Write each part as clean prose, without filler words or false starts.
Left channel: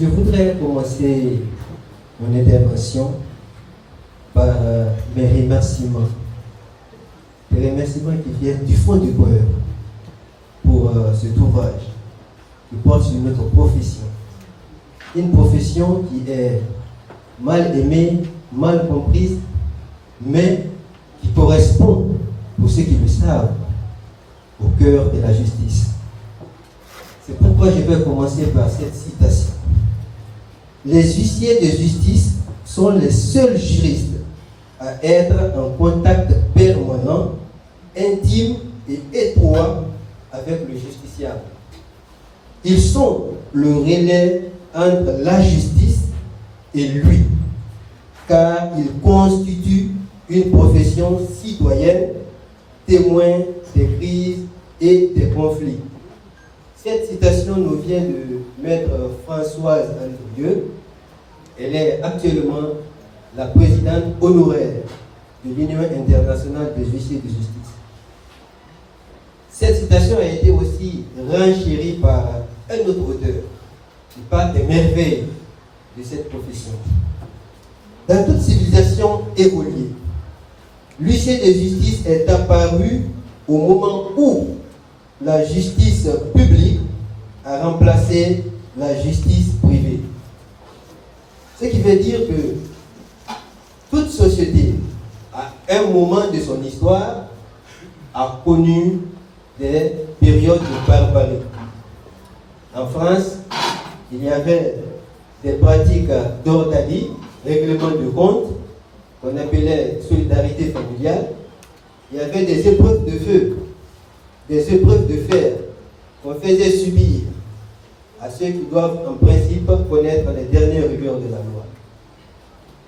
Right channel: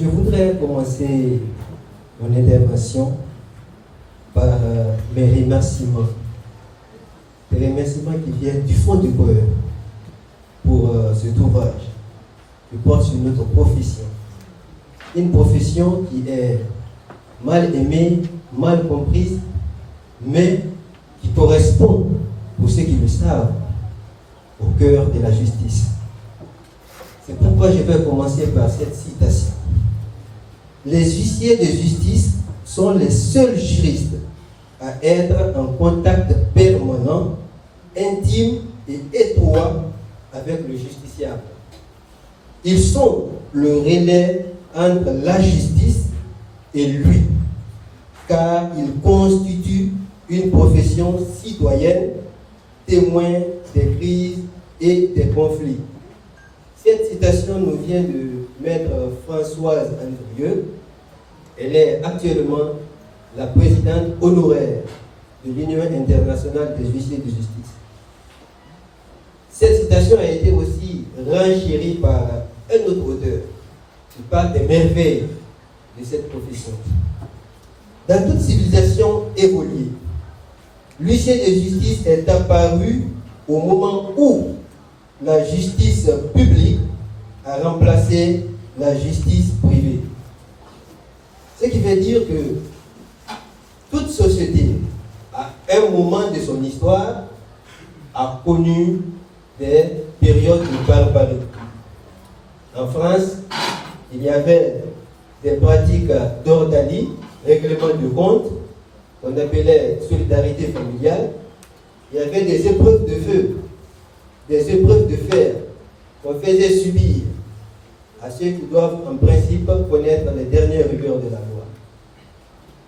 Je voudrais commencer mon intervention par mes remerciements. Des remerciements qui viennent du fond du cœur pour cet ouvrage qui porte sur notre profession. Une profession qui est mal aimée, mal comprise, mais qui correspond, pour ceux qui le savent, au cœur de la justice. C'est pourquoi je vais commencer par cette citation. Les huissiers de justice sont les seuls juristes à être en contact permanent, intime et étroit avec le justiciable. Ils sont le relais entre la justice et lui, car ils constituent une profession citoyenne, témoin des crises et des conflits. Cette citation nous vient de Maître Françoise Andrieux. Elle est actuellement la présidente honoraire de l'Union internationale des huissiers de justice. Cette citation a été aussi renchérie par un autre auteur qui parle des merveilles de cette profession. Dans toute civilisation évoluée, l'huissier de justice est apparu au moment où la justice publique a remplacé la justice privée. Ce qui veut dire que toute société, à un moment de son histoire, a connu des périodes de barbarie. En France, il y avait des pratiques d'ordalie, règlement de compte, qu'on appelait solidarité familiale. Il y avait des épreuves de feu, des épreuves de fer qu'on faisait subir à ceux qui doivent en principe connaître les dernières rigueurs de la loi.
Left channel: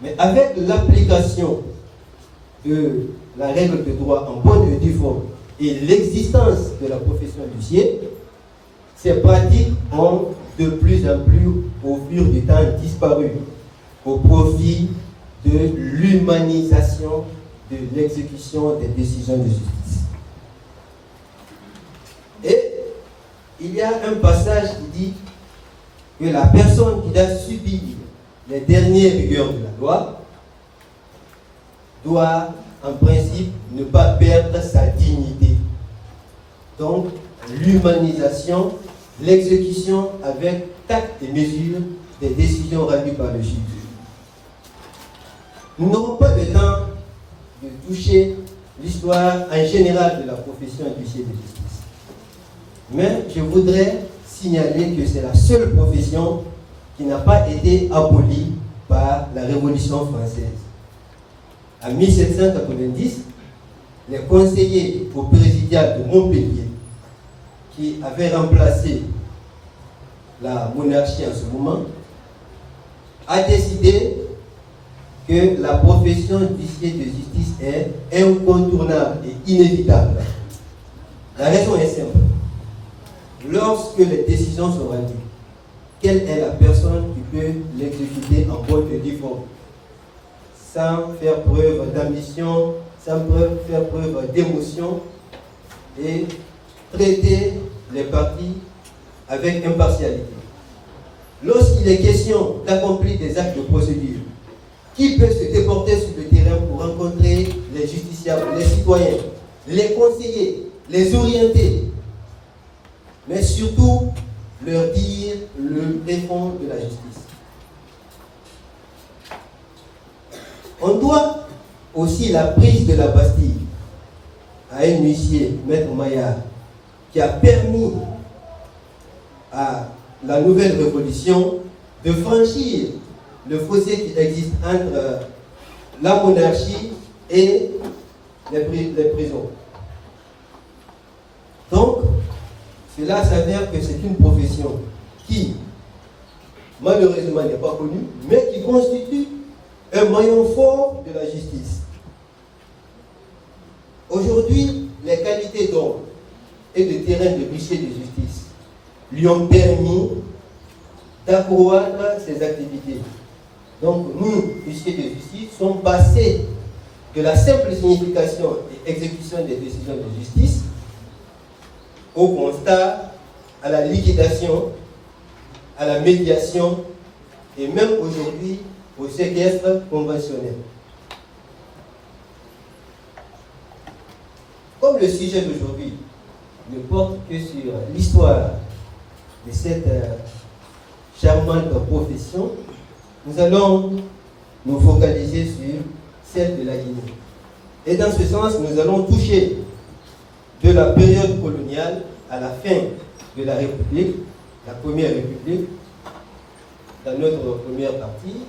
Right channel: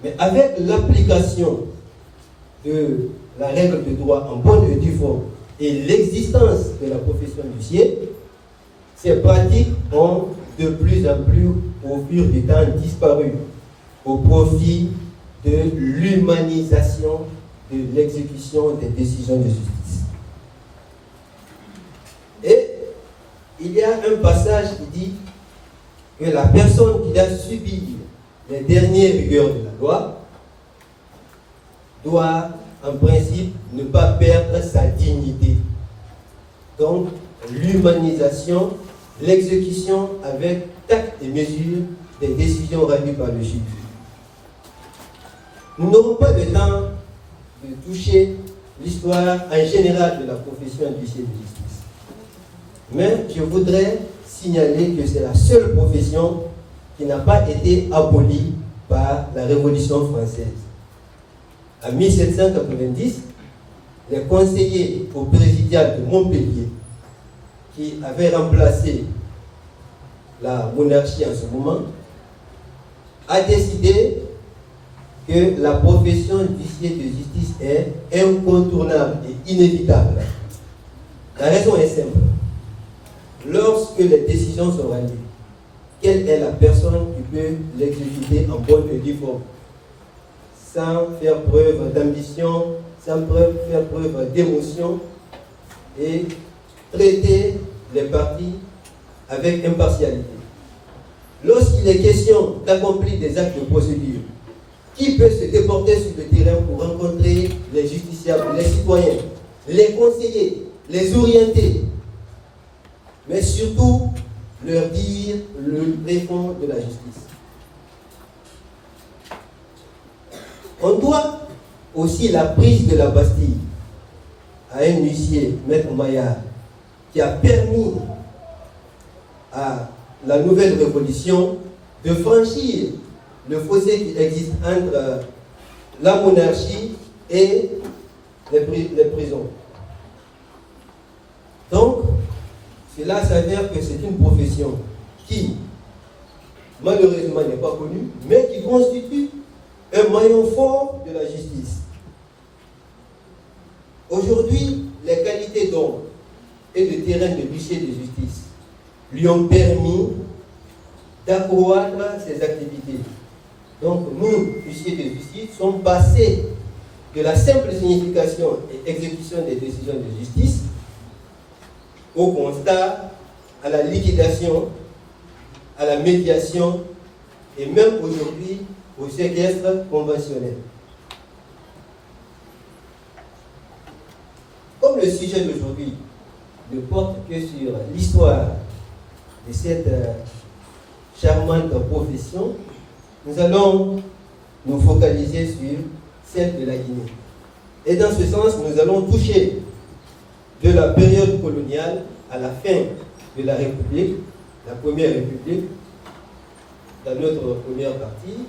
Mais avec l'application de la règle de droit en bonne et due forme et l'existence de la profession d'huissier, ces pratiques ont de plus en plus, au fil du temps, disparu au profit de l'humanisation de l'exécution des décisions de justice. Et il y a un passage qui dit que la personne qui a subi les dernières rigueurs de la loi doit, en principe, ne pas perdre sa dignité. Donc, l'humanisation, l'exécution avec tact et mesure des décisions rendues par le juge. Nous n'aurons pas le temps de toucher l'histoire en général de la profession d'huissier de justice. Mais je voudrais signaler que c'est la seule profession qui n'a pas été abolie par la Révolution française. En 1790, les conseillers au présidial de Montpellier, qui avaient remplacé la monarchie en ce moment, a décidé que la profession d'huissier de justice est incontournable et inévitable. La raison est simple. Lorsque les décisions sont rendues, quelle est la personne qui peut l'exécuter en bonne et due forme, sans faire preuve d'ambition, sans faire preuve d'émotion, et traiter les parties avec impartialité. Lorsqu'il est question d'accomplir des actes de procédure, qui peut se déporter sur le terrain pour rencontrer les justiciables, les citoyens, les conseiller, les orienter, mais surtout leur dire le préfond de la justice. On doit aussi la prise de la Bastille à un huissier, Maître Maillard, qui a permis à la nouvelle révolution de franchir le fossé qui existe entre la monarchie et les prisons. Donc, cela s'avère que c'est une profession qui, malheureusement, n'est pas connue, mais qui constitue un maillon fort de la justice. Aujourd'hui, les qualités d'homme et de terrain de huissier de justice lui ont permis d'accroître ses activités. Donc, nous, huissiers de justice, sommes passés de la simple signification et exécution des décisions de justice au constat, à la liquidation, à la médiation et même aujourd'hui au séquestre conventionnel. Comme le sujet d'aujourd'hui ne porte que sur l'histoire de cette charmante profession, nous allons nous focaliser sur celle de la Guinée. Et dans ce sens, nous allons toucher de la période coloniale à la fin de la République, la première République, dans notre première partie,